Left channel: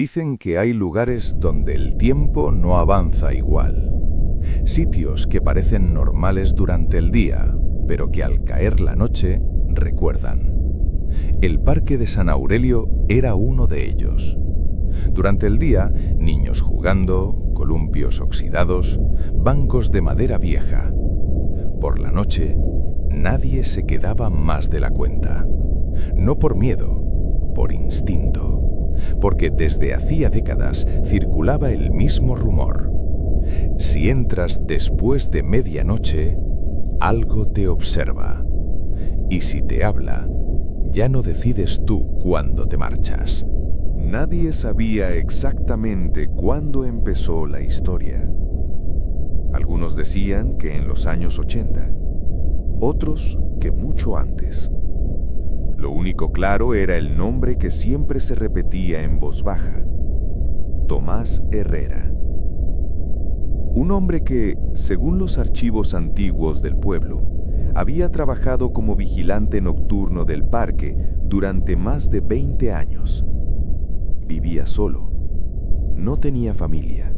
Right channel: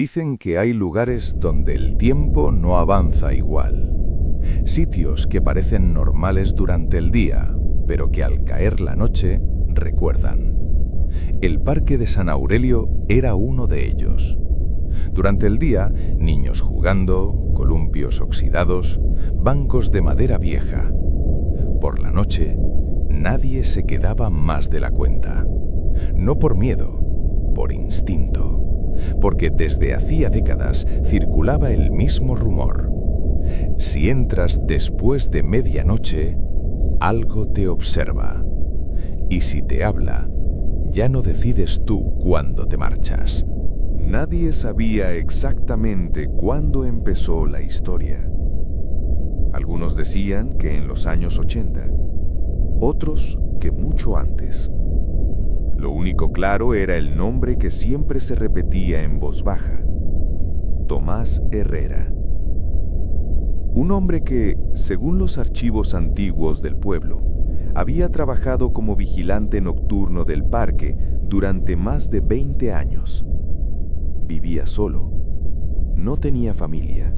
Dicen que hay lugares donde el tiempo no avanza igual. Sitios que parecen normales durante el día, pero que al caer la noche recuerdan. El Parque de San Aurelio era uno de ellos. Durante el día, niños jugando, columpios oxidados, bancos de madera vieja. Por la noche, nadie se quedaba más de la cuenta. No por miedo, por instinto. Porque desde hacía décadas circulaba el mismo rumor. Si entras después de medianoche, algo te observa. Y si te habla, ya no decides tú cuándo te marchas. Nadie sabía exactamente cuándo empezó la historia. Algunos decían que en los años 80, otros que mucho antes. Lo único claro era el nombre que siempre se repetía en voz baja: Tomás Herrera. Un hombre que, según los archivos antiguos del pueblo, había trabajado como vigilante nocturno del parque durante más de 20 años. Vivía solo, no tenía familia,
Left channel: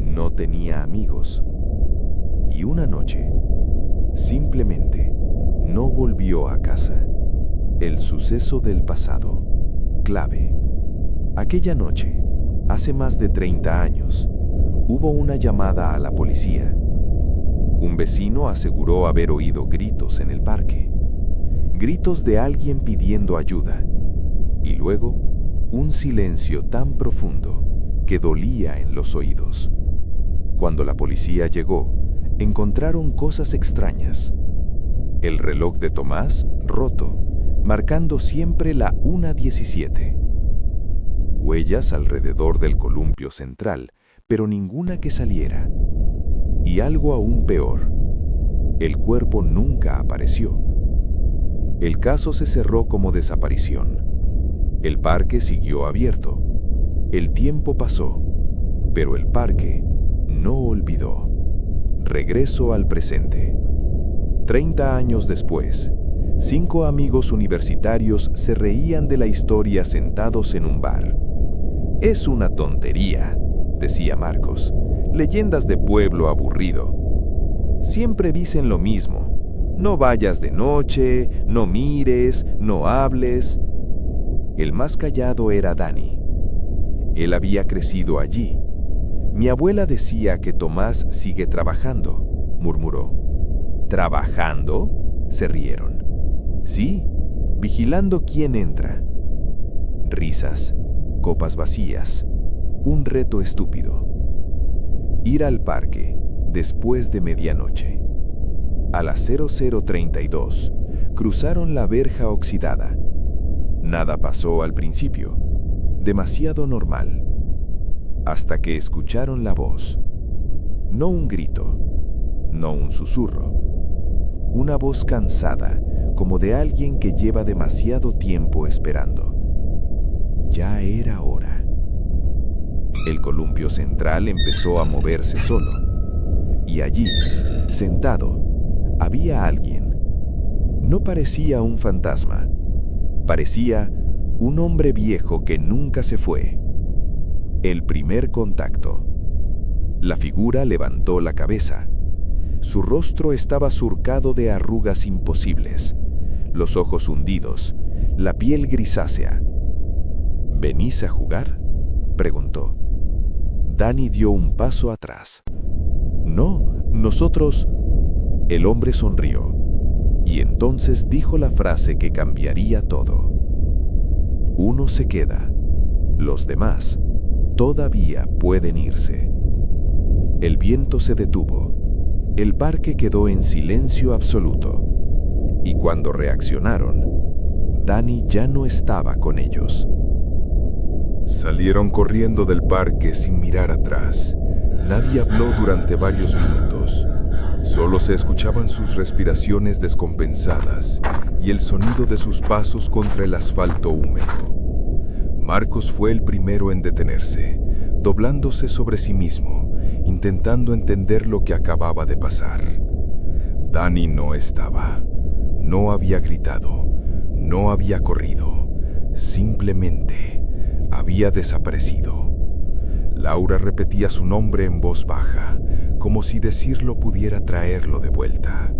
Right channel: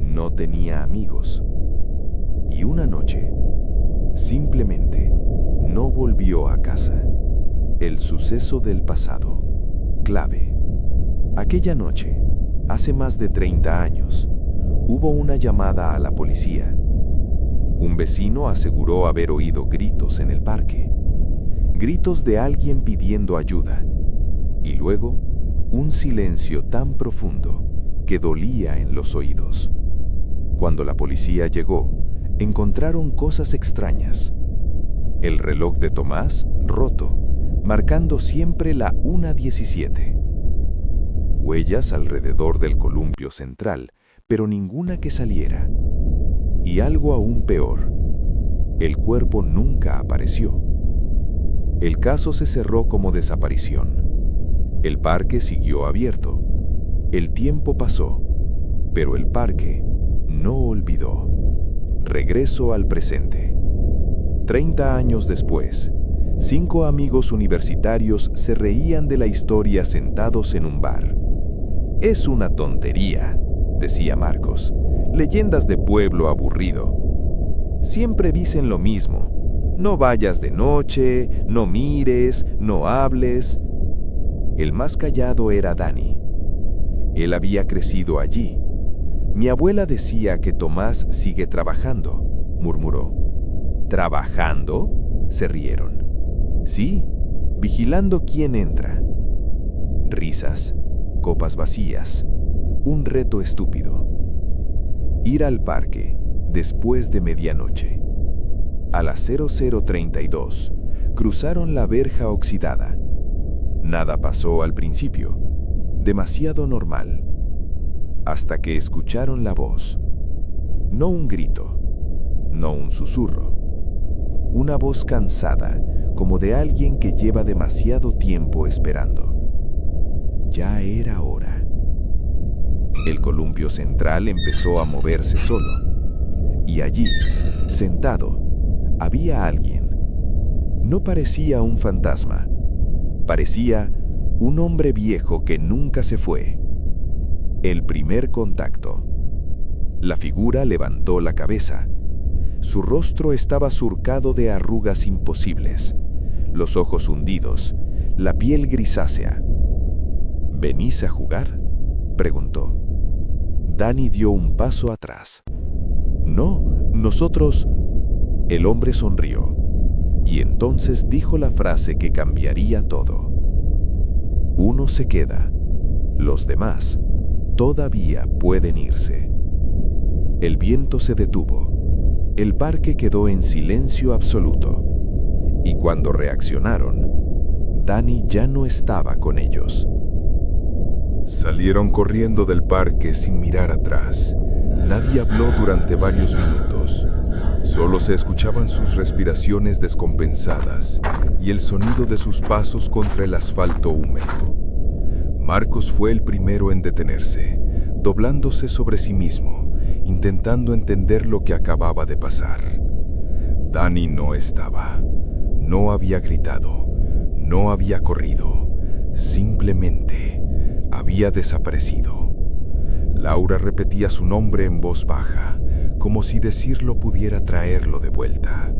no tenía amigos. Y una noche, simplemente, no volvió a casa. El suceso del pasado, clave. Aquella noche, hace más de 30 años, hubo una llamada a la policía. Un vecino aseguró haber oído gritos en el parque. Gritos de alguien pidiendo ayuda. Y luego, un silencio tan profundo que dolía en los oídos. Cuando la policía llegó, encontraron cosas extrañas. El reloj de Tomás roto, marcando siempre la 1:17. Huellas alrededor del columpio central, pero ninguna que saliera. Y algo aún peor, el cuerpo nunca apareció. El caso se cerró como desaparición. El parque siguió abierto. El tiempo pasó, pero el parque no olvidó. Regreso al presente. 30 años después, 5 amigos universitarios se reían de la historia sentados en un bar. «Es una tontería», decía Marcos. «Leyendas de pueblo aburrido. Siempre dicen lo mismo. No vayas de noche, no mires, no hables». El más callado era Dani. Él había crecido allí. «Mi abuela decía que Tomás sigue trabajando», murmuró. «¿Trabajando?», se rieron. «Sí, vigilando quién entra». Risas, copas vacías, un reto estúpido. Ir al parque después de medianoche. A las 00:32, cruzaron la verja oxidada. Nada pasó al principio, demasiado normal. Hasta que escucharon la voz. No un grito, no un susurro. Una voz cansada, como de alguien que lleva demasiado tiempo esperando. Ya era hora. El columpio central empezó a moverse solo. Y allí, sentado, había alguien. No parecía un fantasma. Parecía un hombre viejo que nunca se fue. El primer contacto. La figura levantó la cabeza. Su rostro estaba surcado de arrugas imposibles, los ojos hundidos, la piel grisácea. «¿Venís a jugar?», preguntó. Dani dio un paso atrás. «No, nosotros...». El hombre sonrió, y entonces dijo la frase que cambiaría todo. «Uno se queda, los demás todavía pueden irse». El viento se detuvo. El parque quedó en silencio absoluto. Y cuando reaccionaron, Dani ya no estaba con ellos. Salieron corriendo del parque sin mirar atrás. Nadie habló durante varios minutos. Solo se escuchaban sus respiraciones descompensadas y el sonido de sus pasos contra el asfalto húmedo. Marcos fue el primero en detenerse, doblándose sobre sí mismo, intentando entender lo que acababa de pasar. Dani no estaba. No había gritado. No había corrido. Simplemente había desaparecido. Laura repetía su nombre en voz baja, como si decirlo pudiera traerlo de vuelta.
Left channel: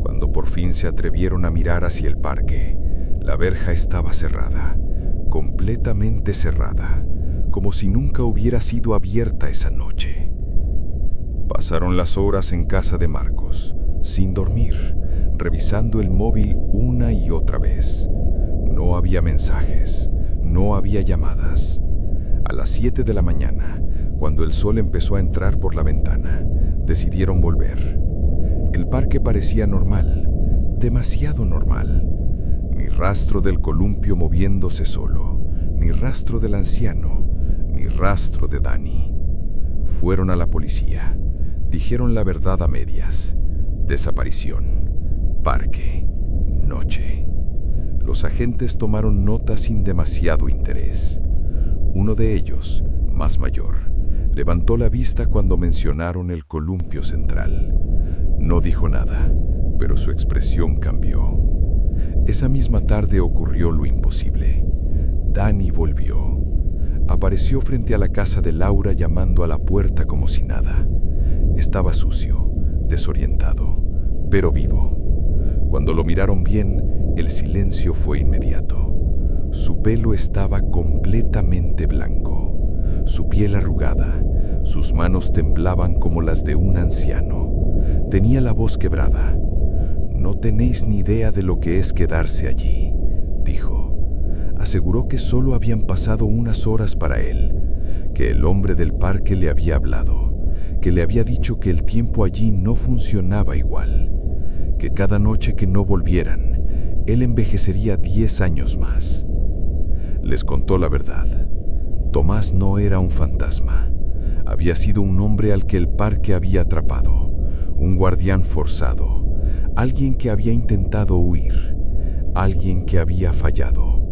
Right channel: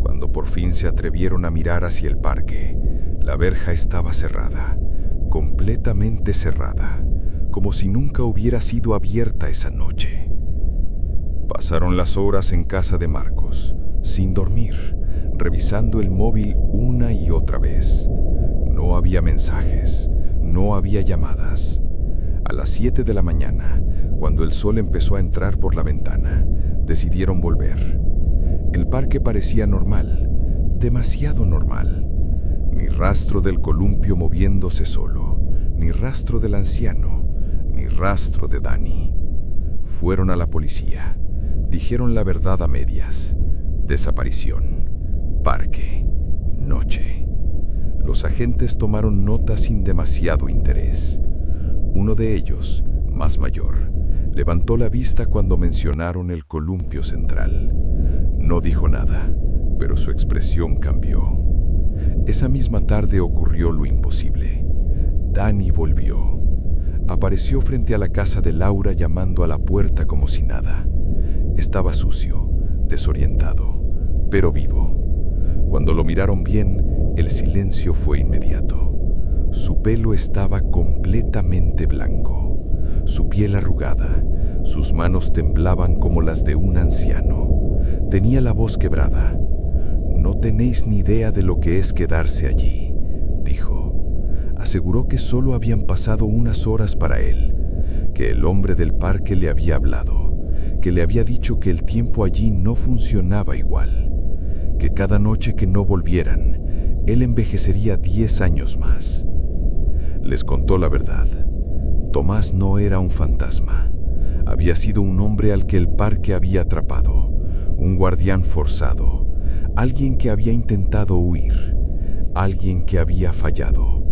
Cuando por fin se atrevieron a mirar hacia el parque, la verja estaba cerrada, completamente cerrada, como si nunca hubiera sido abierta esa noche. Pasaron las horas en casa de Marcos, sin dormir, revisando el móvil una y otra vez. No había mensajes, no había llamadas. A las 7 de la mañana, cuando el sol empezó a entrar por la ventana, decidieron volver. El parque parecía normal, demasiado normal. Ni rastro del columpio moviéndose solo, ni rastro del anciano, ni rastro de Dani. Fueron a la policía. Dijeron la verdad a medias. Desaparición. Parque. Noche. Los agentes tomaron nota sin demasiado interés. Uno de ellos, más mayor, levantó la vista cuando mencionaron el columpio central. No dijo nada, pero su expresión cambió. Esa misma tarde ocurrió lo imposible. Dani volvió. Apareció frente a la casa de Laura llamando a la puerta como si nada. Estaba sucio, desorientado, pero vivo. Cuando lo miraron bien, el silencio fue inmediato. Su pelo estaba completamente blanco, su piel arrugada, sus manos temblaban como las de un anciano. Tenía la voz quebrada. «No tenéis ni idea de lo que es quedarse allí», dijo. Aseguró que solo habían pasado unas horas para él, que el hombre del parque le había hablado, que le había dicho que el tiempo allí no funcionaba igual, que cada noche que no volvieran, él envejecería 10 años más. Les contó la verdad. Tomás no era un fantasma. Había sido un hombre al que el parque había atrapado, un guardián forzado, alguien que había intentado huir, alguien que había fallado.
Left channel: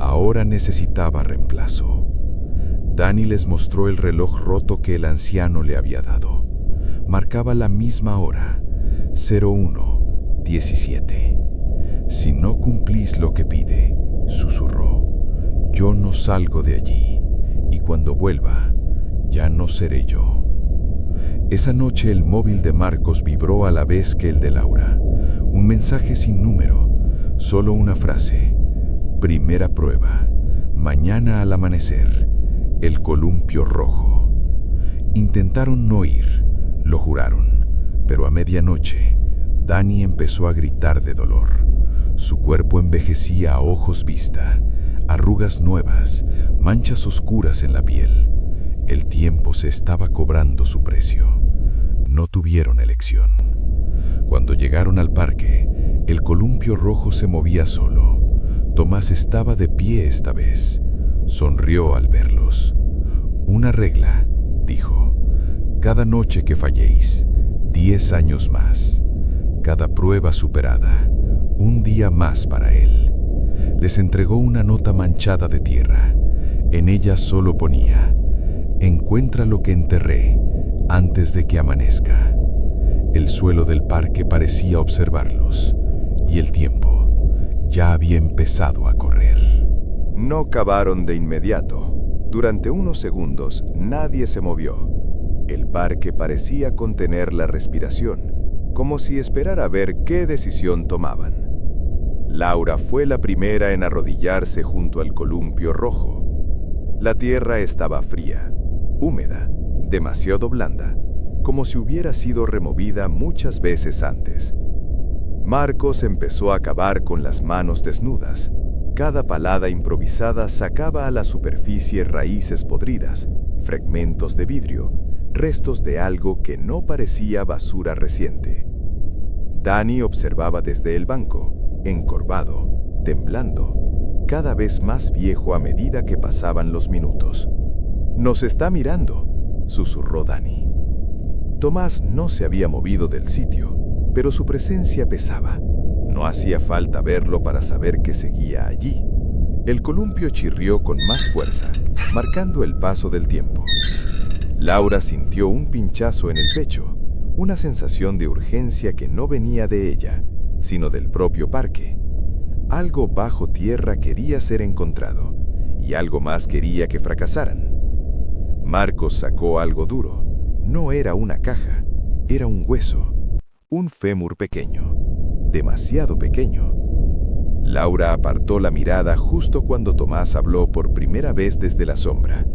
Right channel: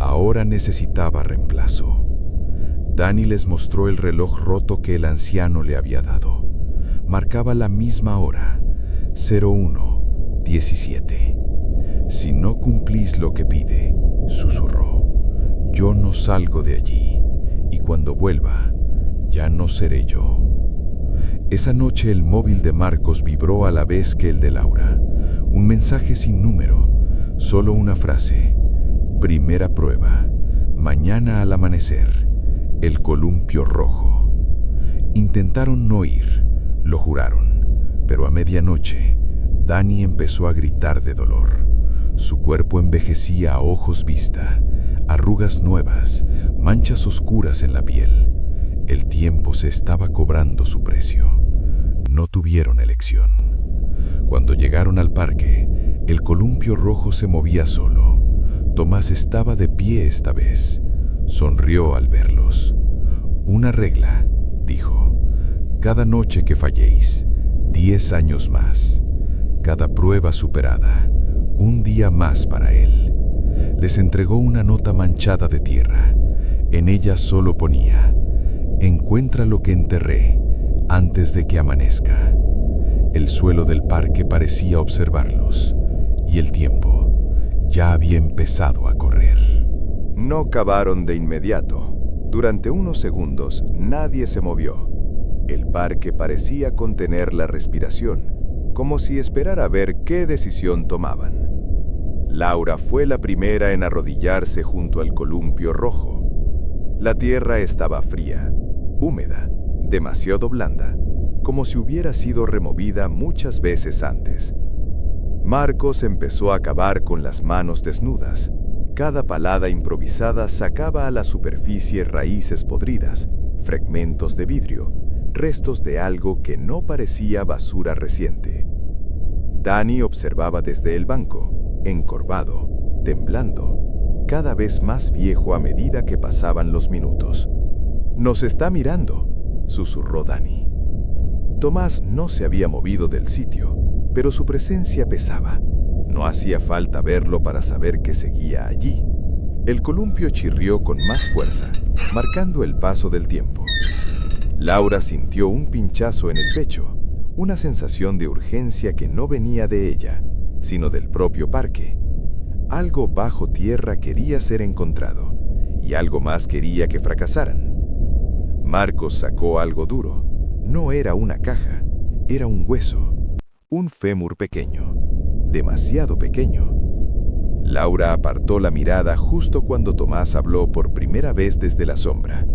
Ahora necesitaba reemplazo. Dani les mostró el reloj roto que el anciano le había dado. Marcaba la misma hora, 01:17. «Si no cumplís lo que pide», susurró, «yo no salgo de allí, y cuando vuelva, ya no seré yo». Esa noche el móvil de Marcos vibró a la vez que el de Laura. Un mensaje sin número, solo una frase. «Primera prueba, mañana al amanecer, el columpio rojo». Intentaron no ir, lo juraron, pero a medianoche, Dani empezó a gritar de dolor. Su cuerpo envejecía a ojos vista, arrugas nuevas, manchas oscuras en la piel. El tiempo se estaba cobrando su precio. No tuvieron elección. Cuando llegaron al parque, el columpio rojo se movía solo. Tomás estaba de pie esta vez. Sonrió al verlos. «Una regla», dijo. «Cada noche que falléis, 10 años más. Cada prueba superada, un día más para él». Les entregó una nota manchada de tierra. En ella solo ponía: «Encuentra lo que enterré antes de que amanezca». El suelo del parque parecía observarlos, y el tiempo ya había empezado a correr. No cavaron de inmediato. Durante unos segundos nadie se movió. El parque parecía contener la respiración, como si esperara ver qué decisión tomaban. Laura fue la primera en arrodillarse junto al columpio rojo. La tierra estaba fría, húmeda, demasiado blanda, como si hubiera sido removida muchas veces antes. Marcos empezó a cavar con las manos desnudas. Cada palada improvisada sacaba a la superficie raíces podridas, fragmentos de vidrio, restos de algo que no parecía basura reciente. Dani observaba desde el banco, encorvado, temblando, cada vez más viejo a medida que pasaban los minutos. «Nos está mirando», susurró Dani. Tomás no se había movido del sitio, pero su presencia pesaba. No hacía falta verlo para saber que seguía allí. El columpio chirrió con más fuerza, marcando el paso del tiempo. Laura sintió un pinchazo en el pecho, una sensación de urgencia que no venía de ella, sino del propio parque. Algo bajo tierra quería ser encontrado, y algo más quería que fracasaran. Marcos sacó algo duro. No era una caja, era un hueso, un fémur pequeño, demasiado pequeño. Laura apartó la mirada justo cuando Tomás habló por primera vez desde la sombra.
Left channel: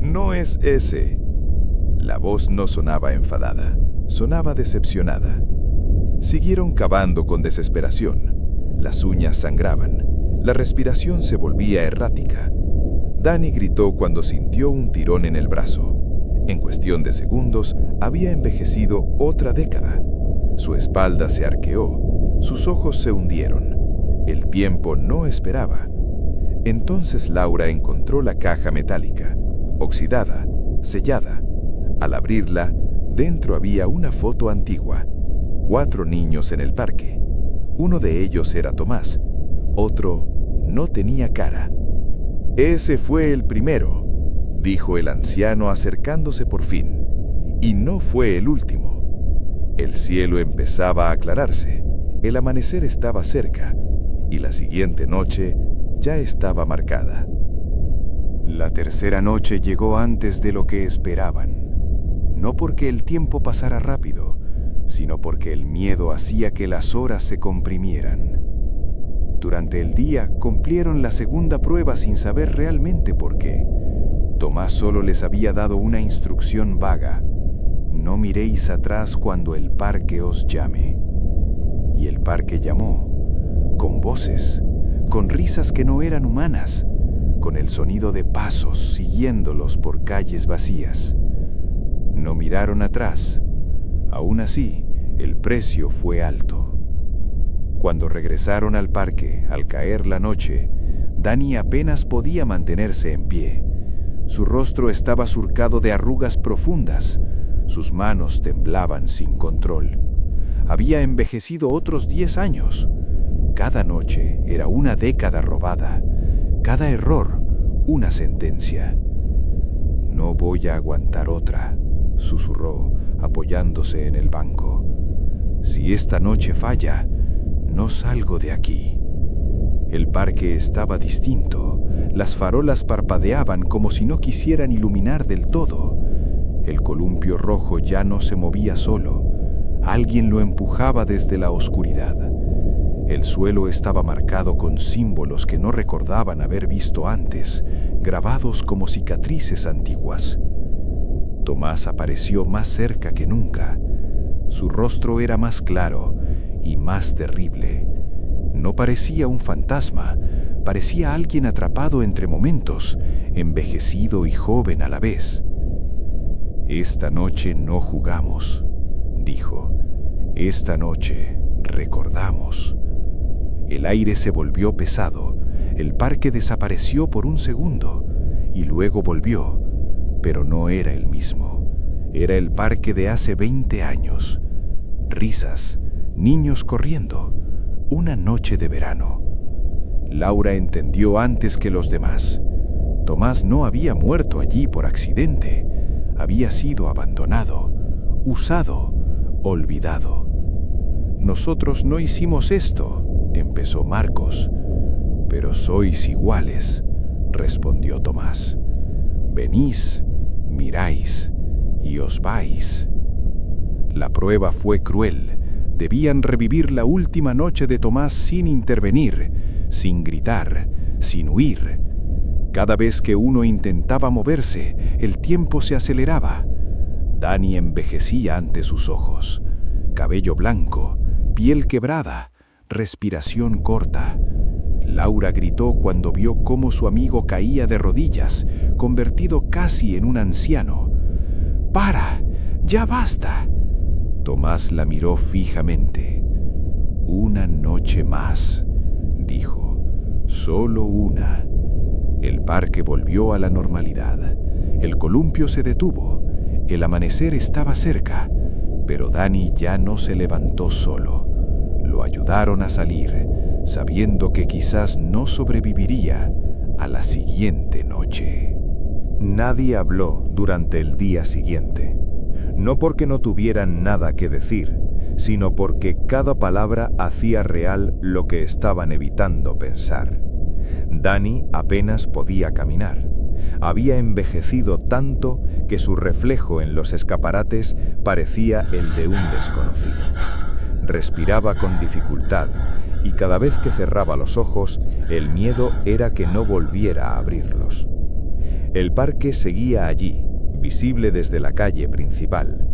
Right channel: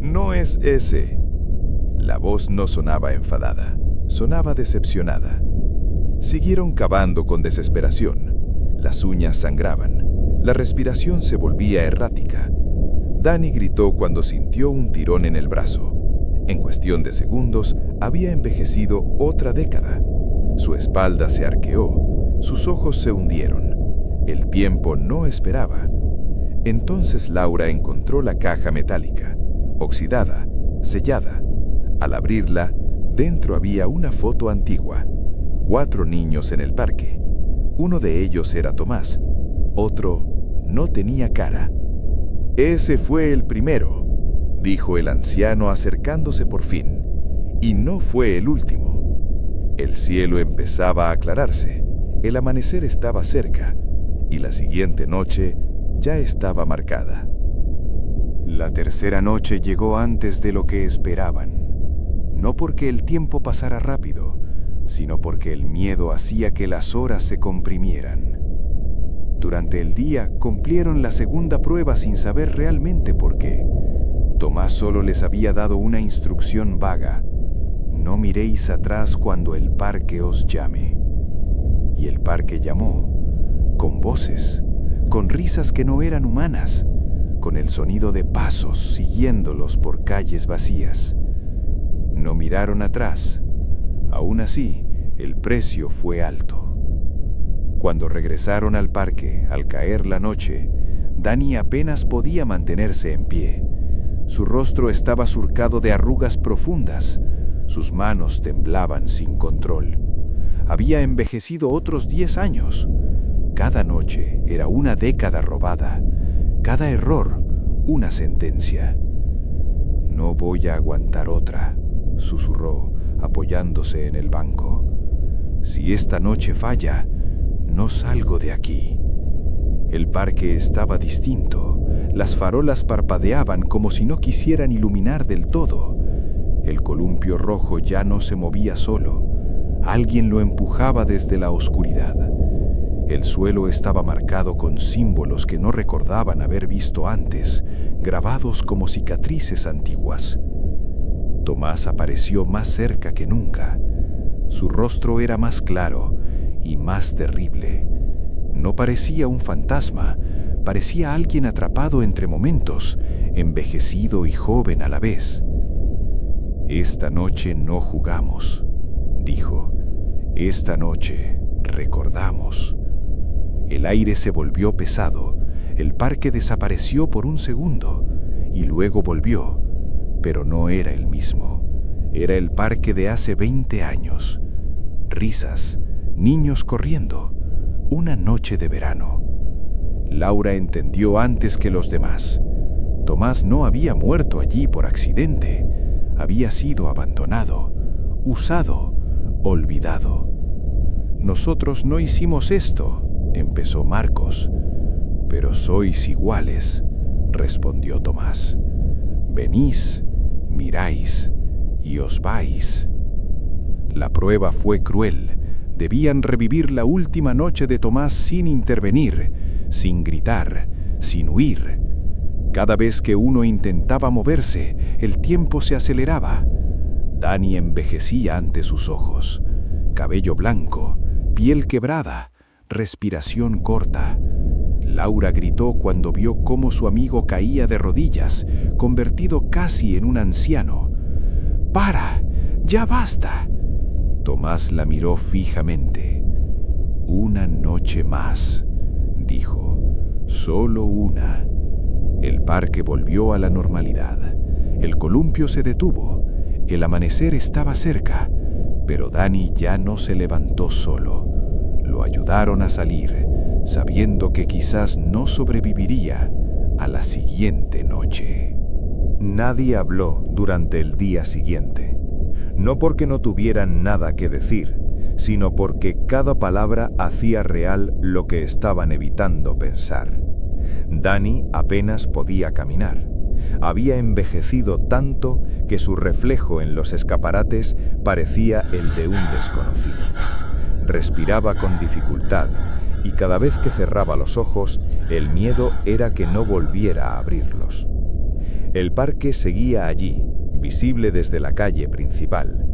«No es ese». La voz no sonaba enfadada, sonaba decepcionada. Siguieron cavando con desesperación. Las uñas sangraban, la respiración se volvía errática. Dani gritó cuando sintió un tirón en el brazo. En cuestión de segundos, había envejecido otra década. Su espalda se arqueó, sus ojos se hundieron. El tiempo no esperaba. Entonces Laura encontró la caja metálica, oxidada, sellada. Al abrirla, dentro había una foto antigua. 4 niños en el parque. Uno de ellos era Tomás, otro no tenía cara. «Ese fue el primero», dijo el anciano acercándose por fin, «y no fue el último». El cielo empezaba a aclararse, el amanecer estaba cerca, y la siguiente noche ya estaba marcada. La tercera noche llegó antes de lo que esperaban. No porque el tiempo pasara rápido, sino porque el miedo hacía que las horas se comprimieran. Durante el día cumplieron la segunda prueba sin saber realmente por qué. Tomás solo les había dado una instrucción vaga: no miréis atrás cuando el parque os llame. Y el parque llamó, con voces, con risas que no eran humanas, con el sonido de pasos siguiéndolos por calles vacías. No miraron atrás. Aún así, el precio fue alto. Cuando regresaron al parque, al caer la noche, Dani apenas podía mantenerse en pie. Su rostro estaba surcado de arrugas profundas. Sus manos temblaban sin control. Había envejecido otros 10 años. Cada noche era una década robada. Cada error, una sentencia. «No voy a aguantar otra», susurró, apoyándose en el banco. «Si esta noche falla, no salgo de aquí». El parque estaba distinto. Las farolas parpadeaban como si no quisieran iluminar del todo. El columpio rojo ya no se movía solo. Alguien lo empujaba desde la oscuridad. El suelo estaba marcado con símbolos que no recordaban haber visto antes, grabados como cicatrices antiguas. Tomás apareció más cerca que nunca. Su rostro era más claro y más terrible. No parecía un fantasma, parecía alguien atrapado entre momentos, envejecido y joven a la vez. «Esta noche no jugamos», dijo. «Esta noche recordamos». El aire se volvió pesado, el parque desapareció por un segundo y luego volvió. Pero no era el mismo. Era el parque de hace 20 años. Risas, niños corriendo, una noche de verano. Laura entendió antes que los demás. Tomás no había muerto allí por accidente. Había sido abandonado, usado, olvidado. «Nosotros no hicimos esto», empezó Marcos. «Pero sois iguales», respondió Tomás. «Venís, miráis y os vais». La prueba fue cruel. Debían revivir la última noche de Tomás sin intervenir, sin gritar, sin huir. Cada vez que uno intentaba moverse, el tiempo se aceleraba. Dani envejecía ante sus ojos. Cabello blanco, piel quebrada, respiración corta. Laura gritó cuando vio cómo su amigo caía de rodillas, convertido casi en un anciano. «¡Para! ¡Ya basta!». Tomás la miró fijamente. «Una noche más», dijo. «Solo una». El parque volvió a la normalidad. El columpio se detuvo. El amanecer estaba cerca, pero Dani ya no se levantó solo. Lo ayudaron a salir, sabiendo que quizás no sobreviviría a la siguiente noche. Nadie habló durante el día siguiente. No porque no tuvieran nada que decir, sino porque cada palabra hacía real lo que estaban evitando pensar. Dani apenas podía caminar. Había envejecido tanto que su reflejo en los escaparates parecía el de un desconocido. Respiraba con dificultad y cada vez que cerraba los ojos, el miedo era que no volviera a abrirlos. El parque seguía allí, visible desde la calle principal.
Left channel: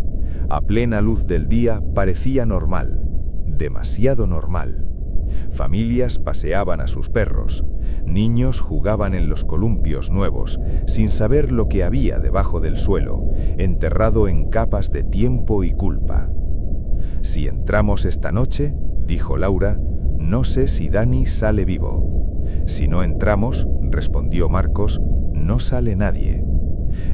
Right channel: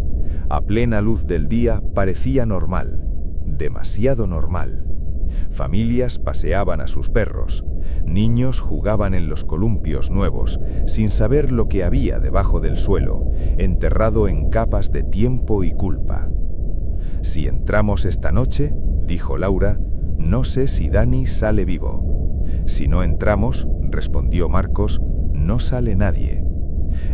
A plena luz del día parecía normal, demasiado normal. Familias paseaban a sus perros, niños jugaban en los columpios nuevos, sin saber lo que había debajo del suelo, enterrado en capas de tiempo y culpa. «Si entramos esta noche», dijo Laura, «no sé si Dani sale vivo». «Si no entramos», respondió Marcos, «no sale nadie».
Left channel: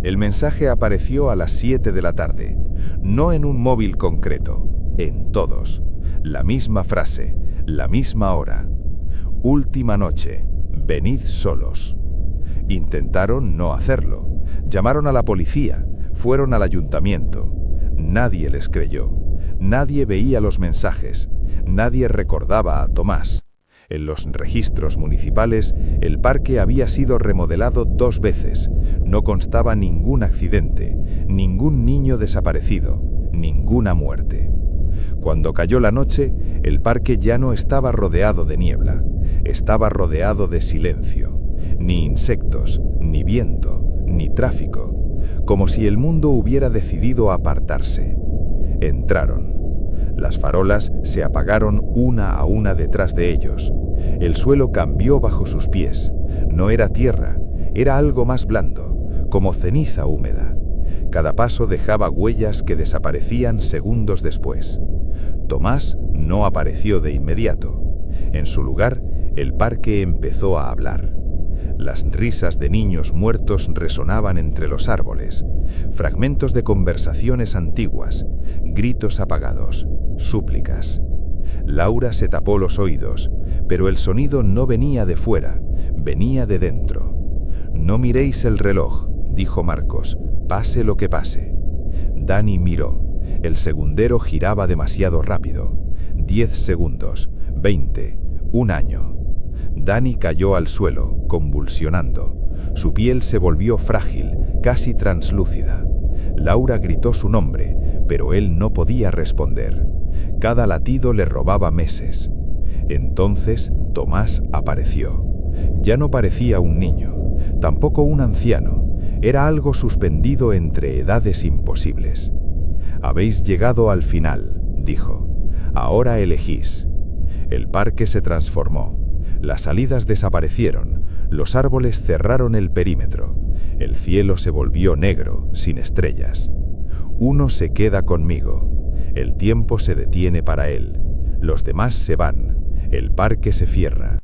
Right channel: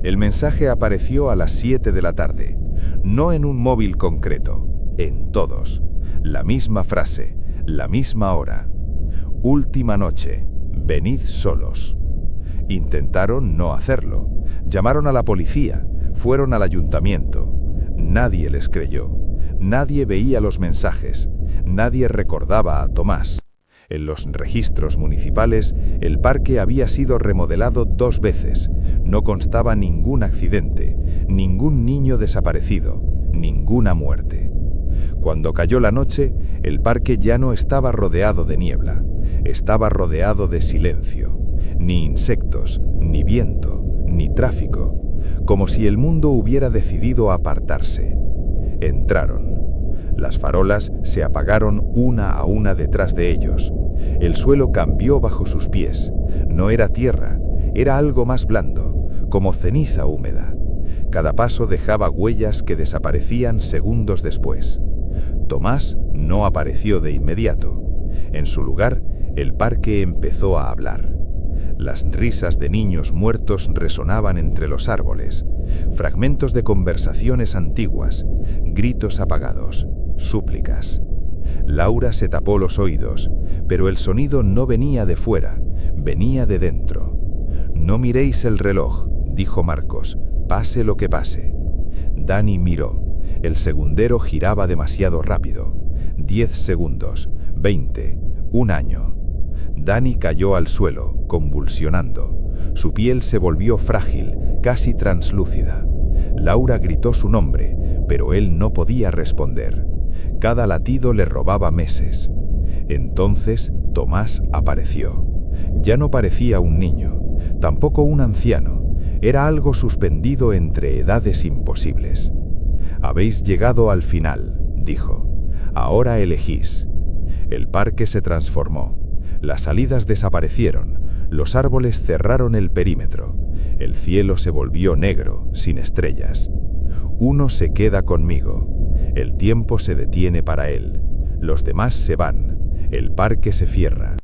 El mensaje apareció a las 7 de la tarde, no en un móvil concreto, en todos. La misma frase, la misma hora. «Última noche, venid solos». Intentaron no hacerlo. Llamaron a la policía, fueron al ayuntamiento. Nadie les creyó. Nadie veía los mensajes. Nadie recordaba a Tomás. En los registros municipales, el parque había sido remodelado 2 veces. No constaba ningún accidente, ningún niño desaparecido, ninguna muerte. Cuando cayó la noche, el parque ya no estaba rodeado de niebla. Estaba rodeado de silencio. Ni insectos, ni viento, ni tráfico. Como si el mundo hubiera decidido apartarse. Entraron. Las farolas se apagaron una a una detrás de ellos. El suelo cambió bajo sus pies. No era tierra, era algo más blando, como ceniza húmeda. Cada paso dejaba huellas que desaparecían segundos después. Tomás no apareció de inmediato. En su lugar, el parque empezó a hablar. Las risas de niños muertos resonaban entre los árboles, fragmentos de conversaciones antiguas, gritos apagados, súplicas. Laura se tapó los oídos, pero el sonido no venía de fuera, venía de dentro. «No miréis el reloj», dijo Marcos, «pase lo que pase». Dani miró. El segundero giraba demasiado rápido. 10 segundos, 20, 1 año. Dani cayó al suelo, convulsionando. Su piel se volvió frágil, casi translúcida. Laura gritó su nombre, pero él no podía responder. Cada latido le robaba meses. Entonces Tomás apareció. Ya no parecía un niño, tampoco un anciano. Era algo suspendido entre edades imposibles. «Habéis llegado al final», dijo. «Ahora elegís». El parque se transformó. Las salidas desaparecieron. Los árboles cerraron el perímetro. El cielo se volvió negro, sin estrellas. Uno se queda conmigo. El tiempo se detiene para él. Los demás se van. El parque se cierra.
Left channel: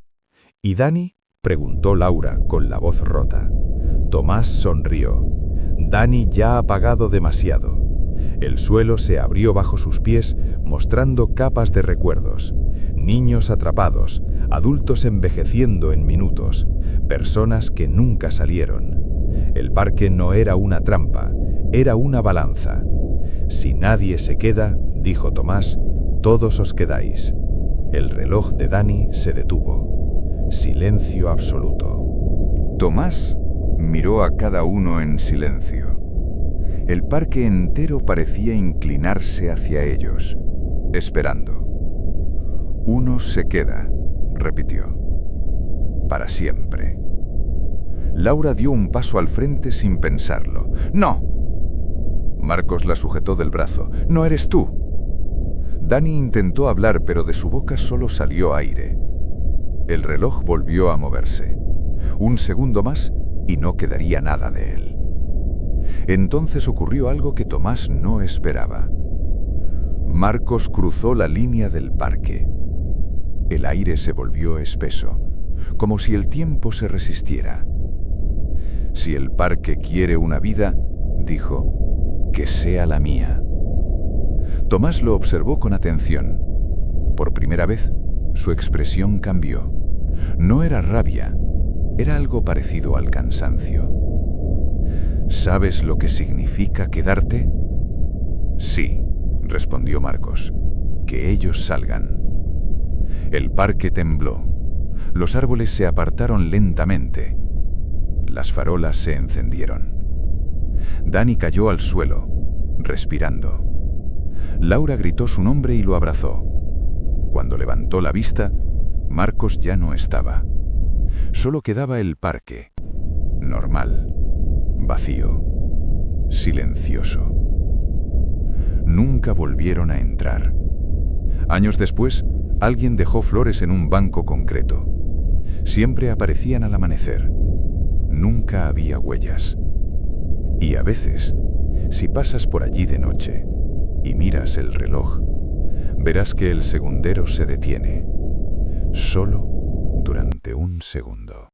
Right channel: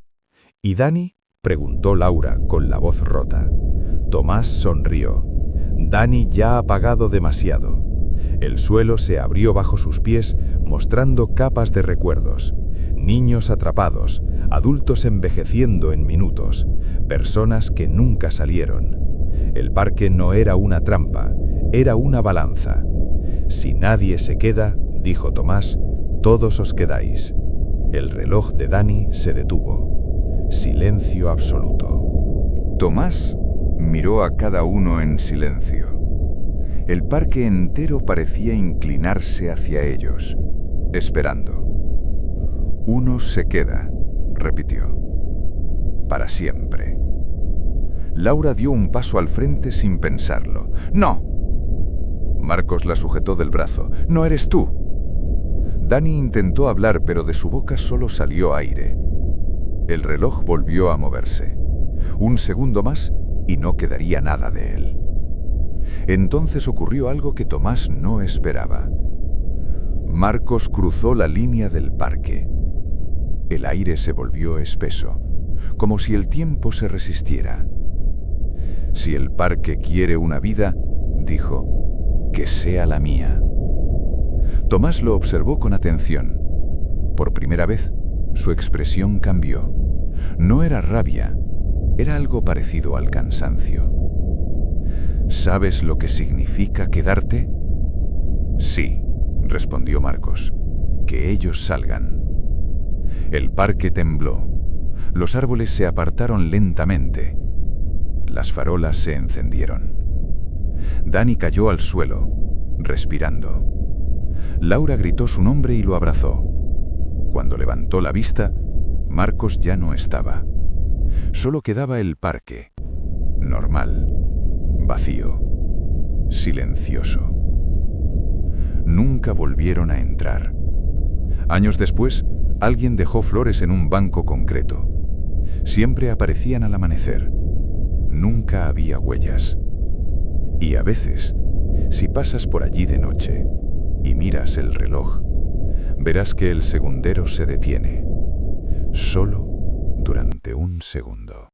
«¿Y Dani?», preguntó Laura con la voz rota. Tomás sonrió. Dani ya ha pagado demasiado. El suelo se abrió bajo sus pies, mostrando capas de recuerdos. Niños atrapados, adultos envejeciendo en minutos, personas que nunca salieron. El parque no era una trampa, era una balanza. «Si nadie se queda», dijo Tomás, «todos os quedáis». El reloj de Dani se detuvo. Silencio absoluto. Tomás miró a cada uno en silencio. El parque entero parecía inclinarse hacia ellos, esperando. «Uno se queda», repitió. «Para siempre». Laura dio un paso al frente sin pensarlo. «¡No!». Marcos la sujetó del brazo. «¡No eres tú!». Dani intentó hablar, pero de su boca solo salió aire. El reloj volvió a moverse. Un segundo más y no quedaría nada de él. Entonces ocurrió algo que Tomás no esperaba. Marcos cruzó la línea del parque. El aire se volvió espeso, como si el tiempo se resistiera. «Si el parque quiere una vida», dijo, «que sea la mía». Tomás lo observó con atención. Por primera vez, su expresión cambió. No era rabia, era algo parecido al cansancio. «¿Sabes lo que significa quedarte?». «Sí», respondió Marcos, «que ellos salgan». El parque tembló. Los árboles se apartaron lentamente. Las farolas se encendieron. Dani cayó al suelo, respirando. Laura gritó su nombre y lo abrazó. Cuando levantó la vista, Marcos ya no estaba. Solo quedaba el parque, normal, vacío, silencioso. Nunca volvieron a entrar. Años después, alguien dejó flores en un banco concreto. Siempre aparecían al amanecer. Nunca había huellas. Y a veces, si pasas por allí de noche y miras el reloj, verás que el segundero se detiene, solo durante un segundo.